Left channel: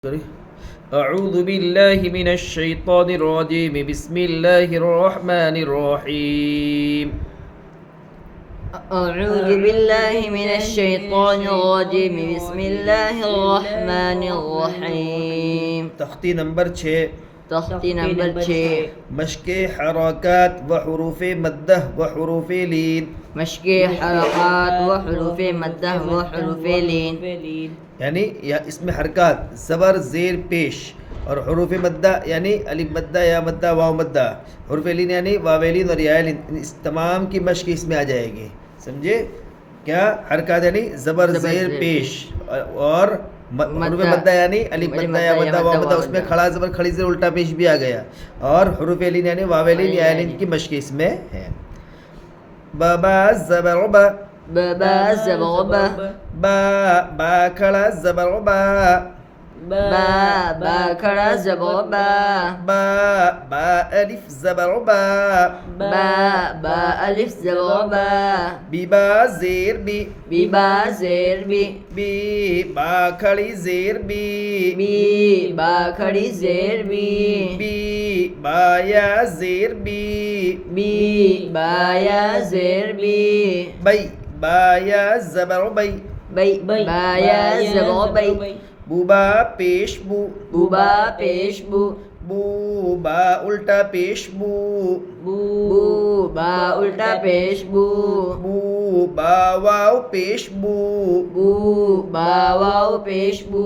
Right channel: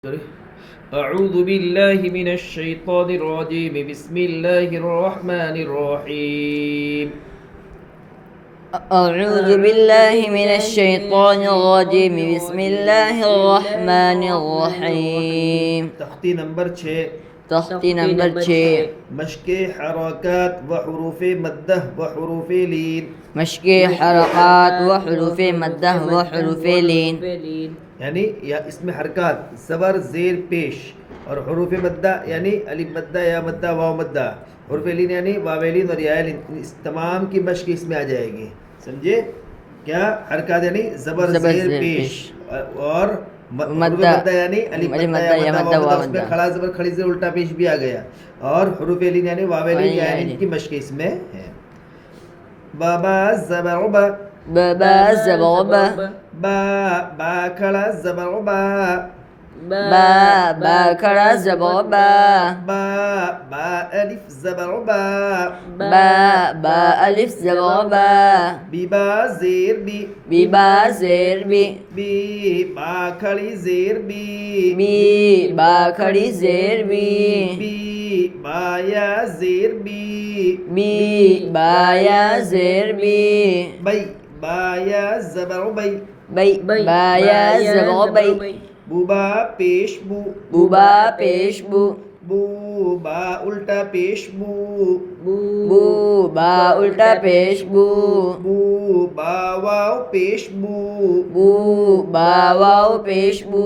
أعوذ بالله من الشيطان الرجيم بسم الله الرحمن الرحيم أعوذ بالله من الشيطان الرجيم بسم الله الرحمن الرحيم तख्ती नंबर 6 तख्ती नंबर 6 मश्क हरकत व हरूफ मद्दह व हरूफ लीन मश्क हरकत व हुरूफ मद्दह व हुरूफ लीन यानी या इसमें हरकत ज़बर ज़ेर पेश और हरूफ मद्दा यानी अलिफ मद्दा या मद्दा वाव मद्दा हरूफ लीन यानी वावेलीन और यालीन इस तमाम की मश्क इसमें आ जाएगी। समझे क्या? हरकत यानी ज़बर ज़ेर पेश और हरूफ मद्दा यानी अलिफ मद्दा या मद्दा वाव मद्दा उसमें खड़ा ज़बर खड़ी ज़ेर उल्टा पेश भी आ गया और हरूफ लीन यानी वावेलीन यालीन की मश्क इसमें है। बाबा ज़बर बा बा ज़बर बा बा बा खड़ा ज़बर बा बा खड़ा ज़बर बा बा अलिफ ज़बर बा बा अलिफ ज़बर बा बा ज़ेर बी बा ज़ेर बी बा खड़ी ज़ेर बी बा खड़ी ज़ेर बी बा या ज़ेर बी बा या ज़ेर बी बई बा या ज़बर बई बा या ज़बर बई बुबा पेश बुबा पेश बू बा उल्टा पेश बू बा उल्टा पेश बू बा वाव पेश बू बा वाव पेश बू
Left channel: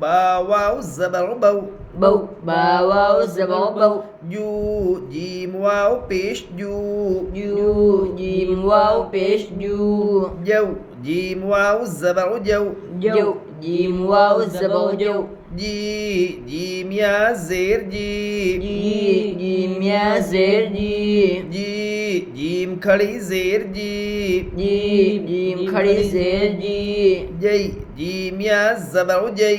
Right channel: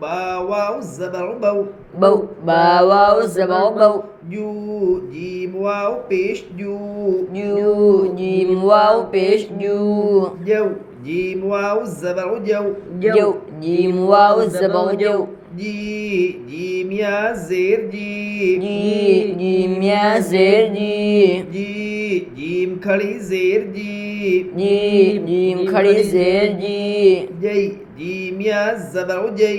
बा वाव ज़बर बा वाव ज़बर बौ यू जीम वाव पेश यू जीम वाव पेश जू जौ जीम वाव ज़बर जौ जीम वाव ज़बर जौ जीम या ज़ेर जीम या ज़ेर जीम खड़ी ज़ेर जीम खड़ी ज़ेर जय जीम या ज़बर जय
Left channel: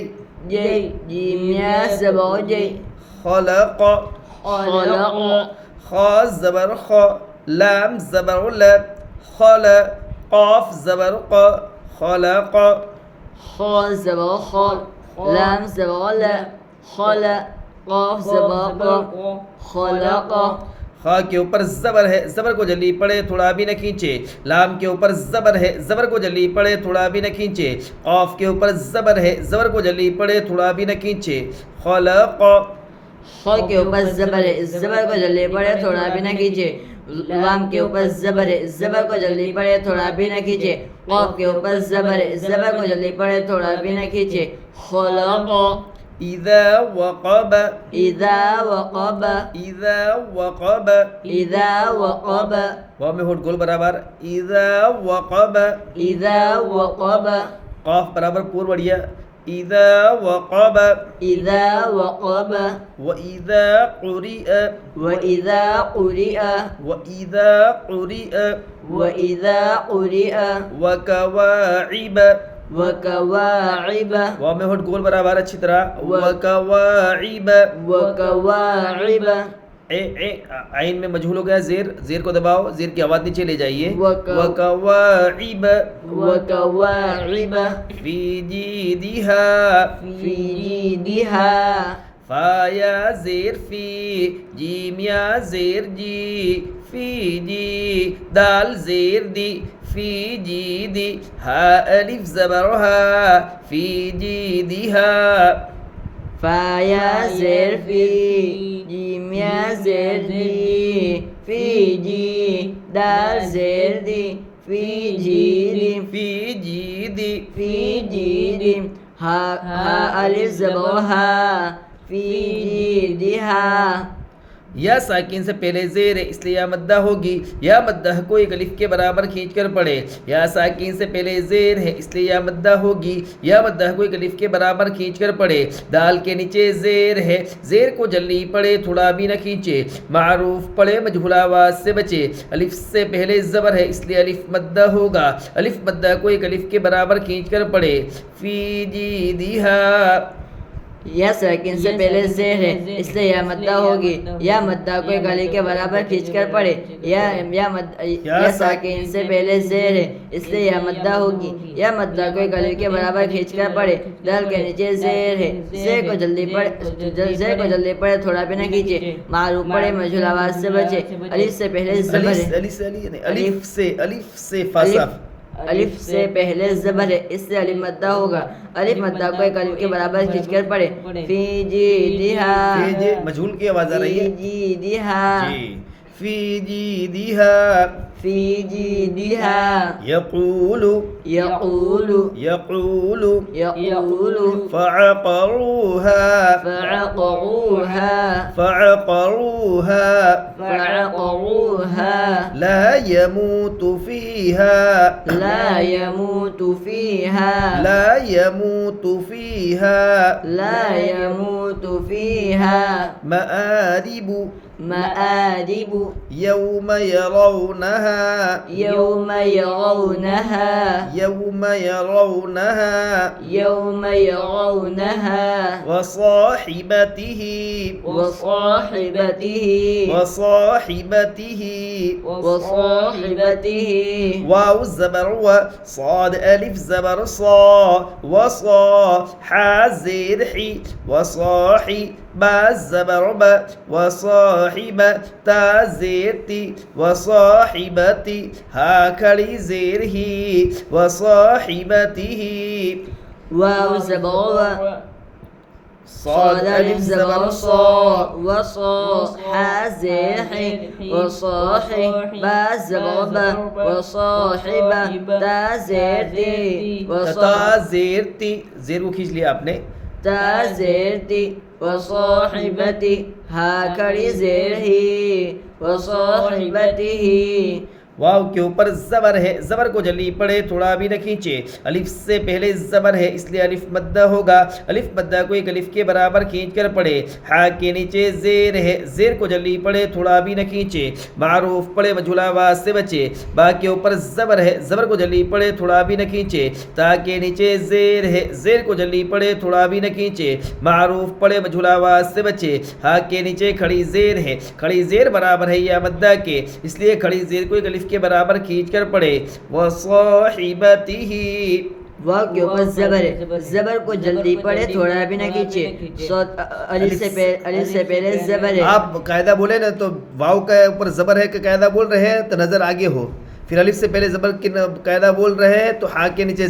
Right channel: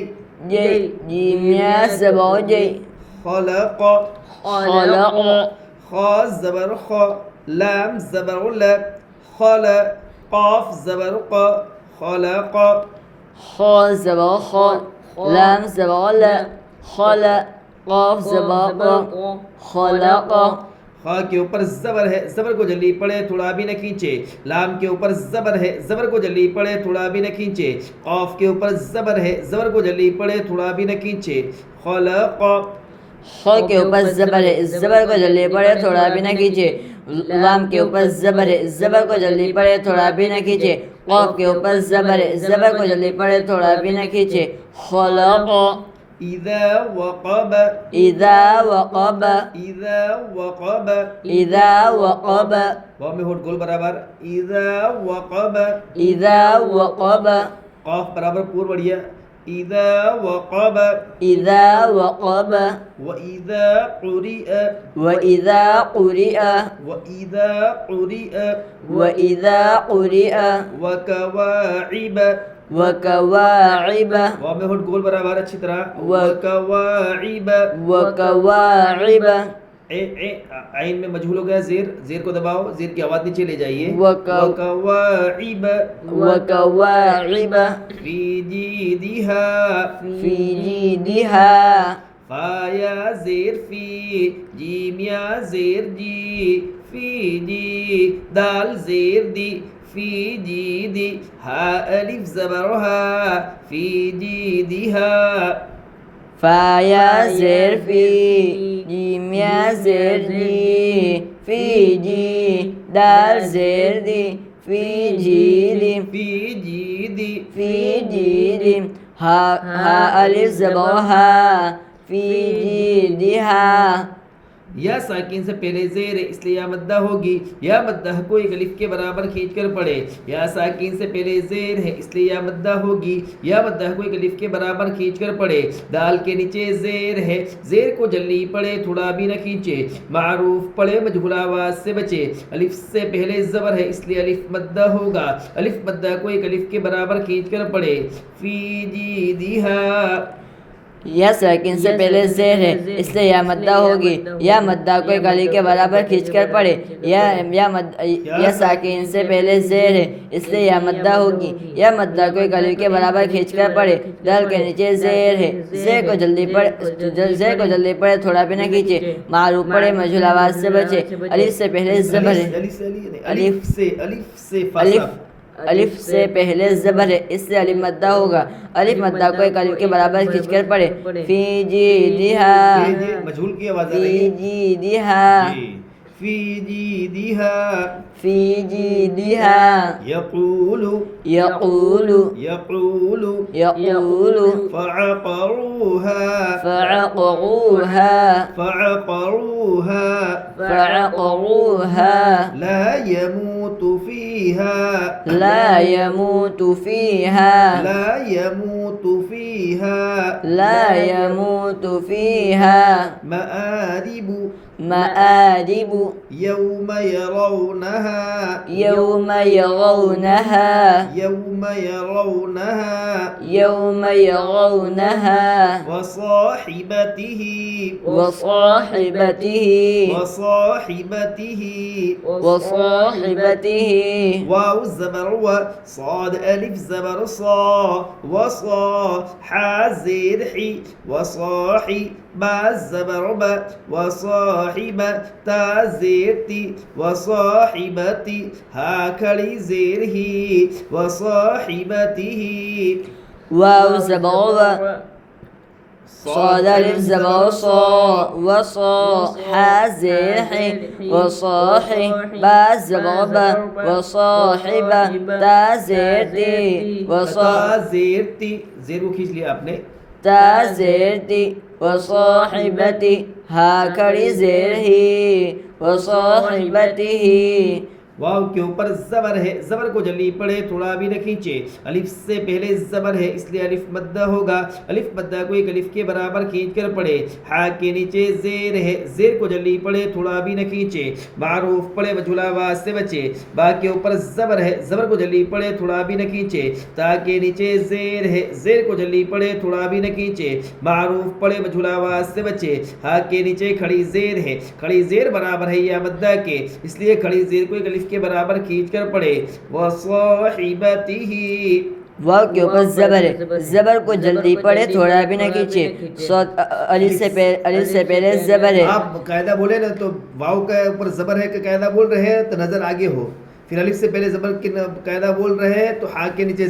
जीम या ज़बर जय खलक़ ख ज़बर ख लाम ज़बर ल खल क़ाफ ज़बर क़ खलक़ ख ज़बर ख लाम ज़बर ल खल क़ाफ ज़बर क़ खलक़ खा के ऊपर ज़बर है, ज़बर को जल्दी पड़े थोड़ा भी न खींचे। लाम के ऊपर ज़बर है, ज़बर को जल्दी पड़े थोड़ा भी न खींचे। क़ाफ के ऊपर ज़बर है, ज़बर को जल्दी पड़े थोड़ा भी न खींचे। खलक़ ख के ऊपर ज़बर है, ज़बर को जल्दी पड़े थोड़ा भी न खींचे। लाम के ऊपर ज़बर है, ज़बर को जल्दी पड़े थोड़ा भी न खींचे। क़ाफ के ऊपर ज़बर है, ज़बर को जल्दी पड़े थोड़ा भी न खींचे। खलक़ इज़ा वक़ब वाव में होठ गोल बराबर इज़ा वक़ब क़ाफ बराबर पूर्व बढ़िया इज़ा वक़ब व इज़ा क़ुरिअ वकवाइब वाव में होठ गोल बराबर अच्छी तरह वकवाइब आइन में मजहूल हो गया ज़ेर, ज़ेर को दबाओ, ज़ेर की आवाज़ नीचे ले जाइए। वकवाइब फी जीदिहा फा या ज़ेर फी जीम या ज़ेर जी फी जी दाल ज़ेर दी फी जीदी हा अलिफ ज़बर हा फी जीदिहा फा या ज़ेर फी जीम या ज़ेर जी फी जी दाल ज़ेर दी फी जीदी हा अलिफ ज़बर हा फी जीदिहा या साकिन से पहले ज़ेर है इसलिए या मद्दा होगी। या मद्दा को एक अलिफ के बराबर खींच कर पढ़े। या साकिन से पहले ज़ेर है इसलिए या मद्दा होगी। या मद्दा को एक अलिफ के बराबर खींच कर पढ़े। दाल के नीचे ज़ेर है, ज़ेर को जल्दी पढ़े थोड़ा भी न खींचे। मारूफ पढ़े मजहूल आवाज़ से बचे। अलिफ से पहले ज़बर है इसलिए अलिफ मद्दा होगा। अलिफ मद्दा को एक अलिफ के बराबर खींच कर पढ़े। फी जीदिहा यह साकिन से पहले जेर है इसलिए या मद्दा होगी। या मद्दा को एक अली के बराबर खींचकर पढ़े। यह साकिन से पहले जेर है इसलिए या मद्दा होगी। या मद्दा को एक अली के बराबर खींचकर पढ़े। दाल के नीचे जेर है। जेर को जल्दी पढ़े थोड़ा भी न खींचे। मारूफ पढ़े मजहूल आवाज से बचे। अलिफ से पहले जबर है। अलिफ से पहले जबर है इससे अलिफ मद्दा होगा। अलिफ मद्दा को एक अलिफ के बराबर खींचकर पढ़े। फी जी दिहा मजहूल की आवाज आ रही है। जी दिहा फी जी दिहा फी जी दिहा यक़ूलु यक़ूलु यक़ूलु यक़ूलु फ़अक़रूहा फ़अक़रूहा फ़अक़रूहा फ़अक़रूहा ला यमूतु फ़ीहा ला यमूतु फ़ीहा ला यमूतु फ़ीहा ला यमूतु फ़ीहा मआरिबु मआरिबु यौम यरौनहा यौम यरौनहा यौम यरौनहा यौम यरौनहा वसाहिबतिही वसाहिबतिही वसाहिबतिही वसाहिबतिही वाव ज़बर व साद अलिफ ज़बर सा वसा हा ज़ेर ही वसाही बा ज़बर ब वसाहिब ता ज़ेर ती वसाहिबती हा खड़ी ज़ेर ही वसाहिबतिही वाव ज़बर व صاد ألف زبر صا وصا حا زير حي وصاحي با زبر با وصاحبة تا زير تي تا زیر تی زیر को खींच लिया आपने تا زير تي وصاحبتي ها कड़ी زير ही وصاحبته वाव के ऊपर जबर है। जबर को जल्दी पढ़े थोड़ा भी न खींचे। अलिफ से पहले जबर है इसलिए अलिफ मद्दा होगा। अलिफ मद्दा को एक अलिफ के बराबर खींच कर पढ़े। हा के नीचे जेर है। जेर को जल्दी पढ़े थोड़ा भी न खींचे। मारूफ पढ़े मजहूल आवाज से बचे। बा के ऊपर जबर है। जबर को जल्दी पढ़े थोड़ा भी न खींचे। ता के नीचे जेर है। जेर को जल्दी पढ़े थोड़ा भी न खींचे। मारूफ पढ़े मजहूल आवाज से बचे। हा के नीचे खड़ी जेर है। खड़ी जेर बराबर है या मद्दा के इसलिए खड़ी जेर को एक अलिफ के बराबर खींच कर पढ़े। वसाहिबतिही वाव के ऊपर जबर है। जबर को जल्दी पढ़े थोड़ा भी न खींचे। अलिफ से पहले जबर है। आप कायदा बोले ना तो वाव के ऊपर जबर है का कायदा बोल रहे हैं तो नजर आगे हो। फिर अलिफ से पहले जबर के कायदा बोल रहे हैं तो हा के नीचे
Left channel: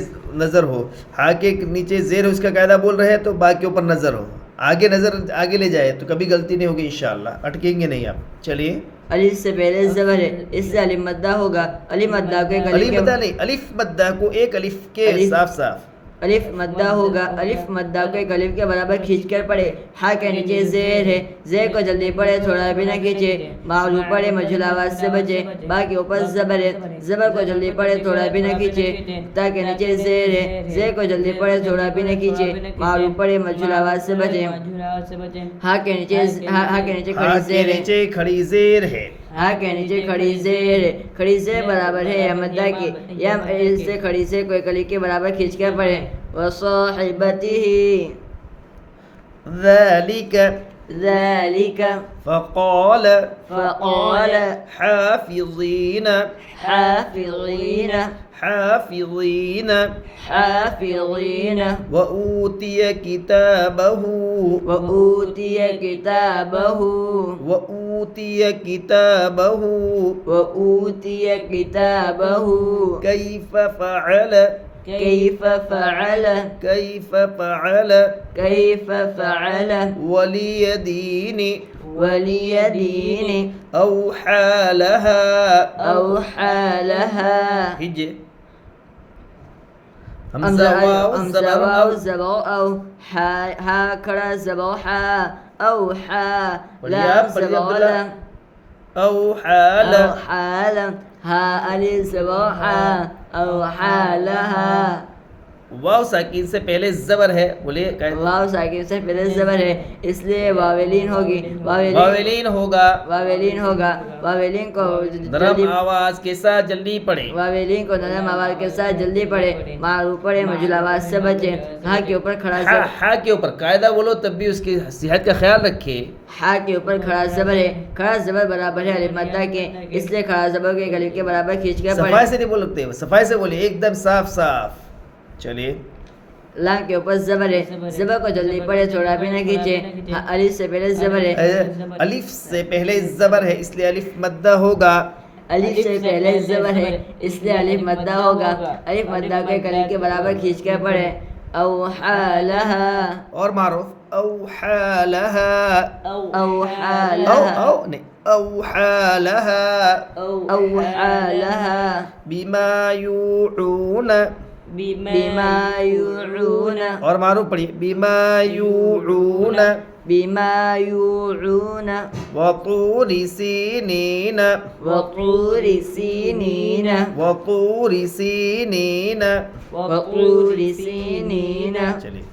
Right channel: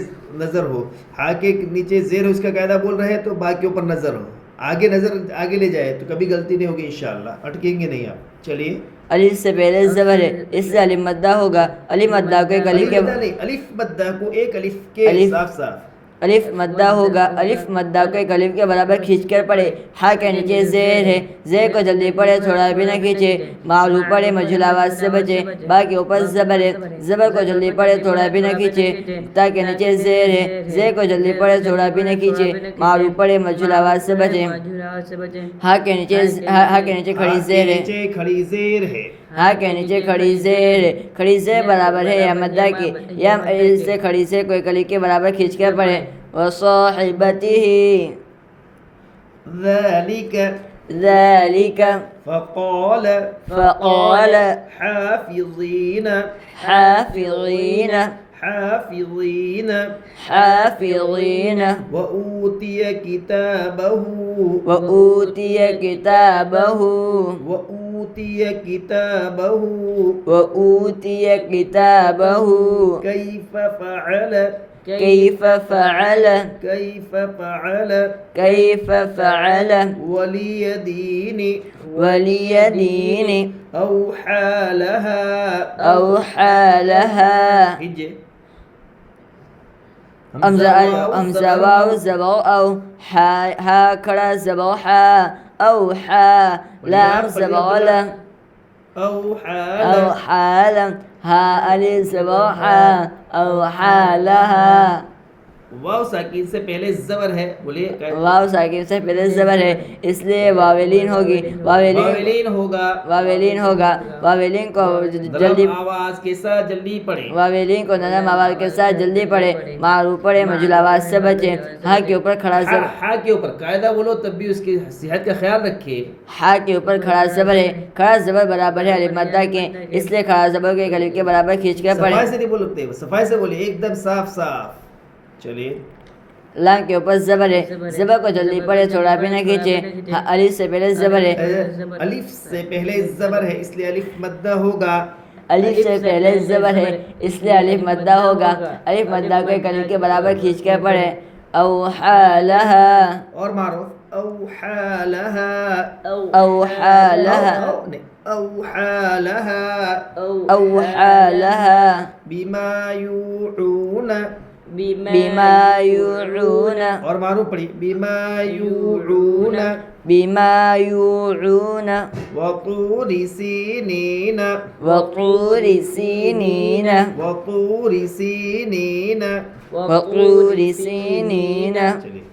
नजर हो। हा के नीचे जेर हो इसका कायदा बोल रहे हैं तो बा के ऊपर नजर हो। आगे नजर आगे ले जाए तो कभी गलती नहीं होगी इंशाअल्लाह। अटकेंगे नहीं आप। चलिए अलिफ से पहले जबर है इससे अलिफ मद्दा होगा। अलिफ मद्दा को एक अलिफ मद्दा नहीं अलिफ मद्दा को एक अलिफ के साफ साफ अलिफ मद्दा होगा। अलिफ मद्दा को एक अलिफ के बराबर खींच कर पढ़े। हा के नीचे जेर है। जेर को जल्दी पढ़े थोड़ा भी न खींचे। मालूम पढ़े मजहूल आवाज से बचे। बा के ऊपर जबर है। जबर को जल्दी पढ़े थोड़ा भी न खींचे। ता के नीचे जेर है। जेर को जल्दी पढ़े थोड़ा भी न खींचे। मालूम पढ़े मजहूल आवाज से बचे। हा के नीचे खड़ी जेर है। हा के नीचे खड़ी जेर है। खड़ी जेर बराबर है या मद्दा की। या इससे खड़ी से कोई कली के बराबर खींच कर पढ़े। वसाहिबतिही ذلك فقال حافظين وأوتي كتابه كيف فعل ولي دين أو حالها هجي همزة واو زبر أو ها كرا زبر حا أو حا لام زبر لا أو حالا ها ألف زبر حا أو حالها वाव साकिन से पहले जबर है, बोलिए क्या? वाव साकिन से पहले जबर है इसलिए वावेलीन होगी। वावेलीन होगा। वावेलीन होगा। वावेलीन को जल्दी नरम आवाज के साथ जल्दी पढ़े। वावेलीन को नरम आवाज के साथ जल्दी पढ़े। मारू पढ़े मुझल आवाज से बचे। हा के ऊपर खड़ा जबर, हा के ऊपर कायदा बोलो तब भी उसकी सेहत का ख्याल रखिए। हा के ऊपर खड़ा जबर है। खड़ा जबर बराबर है अलिफ मद्दा के, इसलिए खड़ा जबर के गले के बराबर खींच कर सफाई पढ़े। से नहीं बोलते, सफाई से बोलिए, एकदम साफ साफ। चलिए लाम के ऊपर जबर है, जबर को जल्दी पढ़े थोड़ा भी न खींचे। अलिफ से पहले जबर है, अलिफ से पहले जबर है इसलिए अलिफ मद्दा होगा। अलिफ से पहले जबर है इसलिए अलिफ मद्दा होगा। अलिफ मद्दा के गले के बराबर खींच कर पढ़े। औहालहा, और मारो औहालहा, औहालहा, नहीं औहालहा, औहालहा, बिमा यूऊन, बिमा यूऊन, और मारो पढ़िए, बिमा यूऊन, बिमा यूऊन, वतूरि सीनीन, वतूरि सीनीन, वतूरि सीनीन। वतूरि सीनीन। चलिए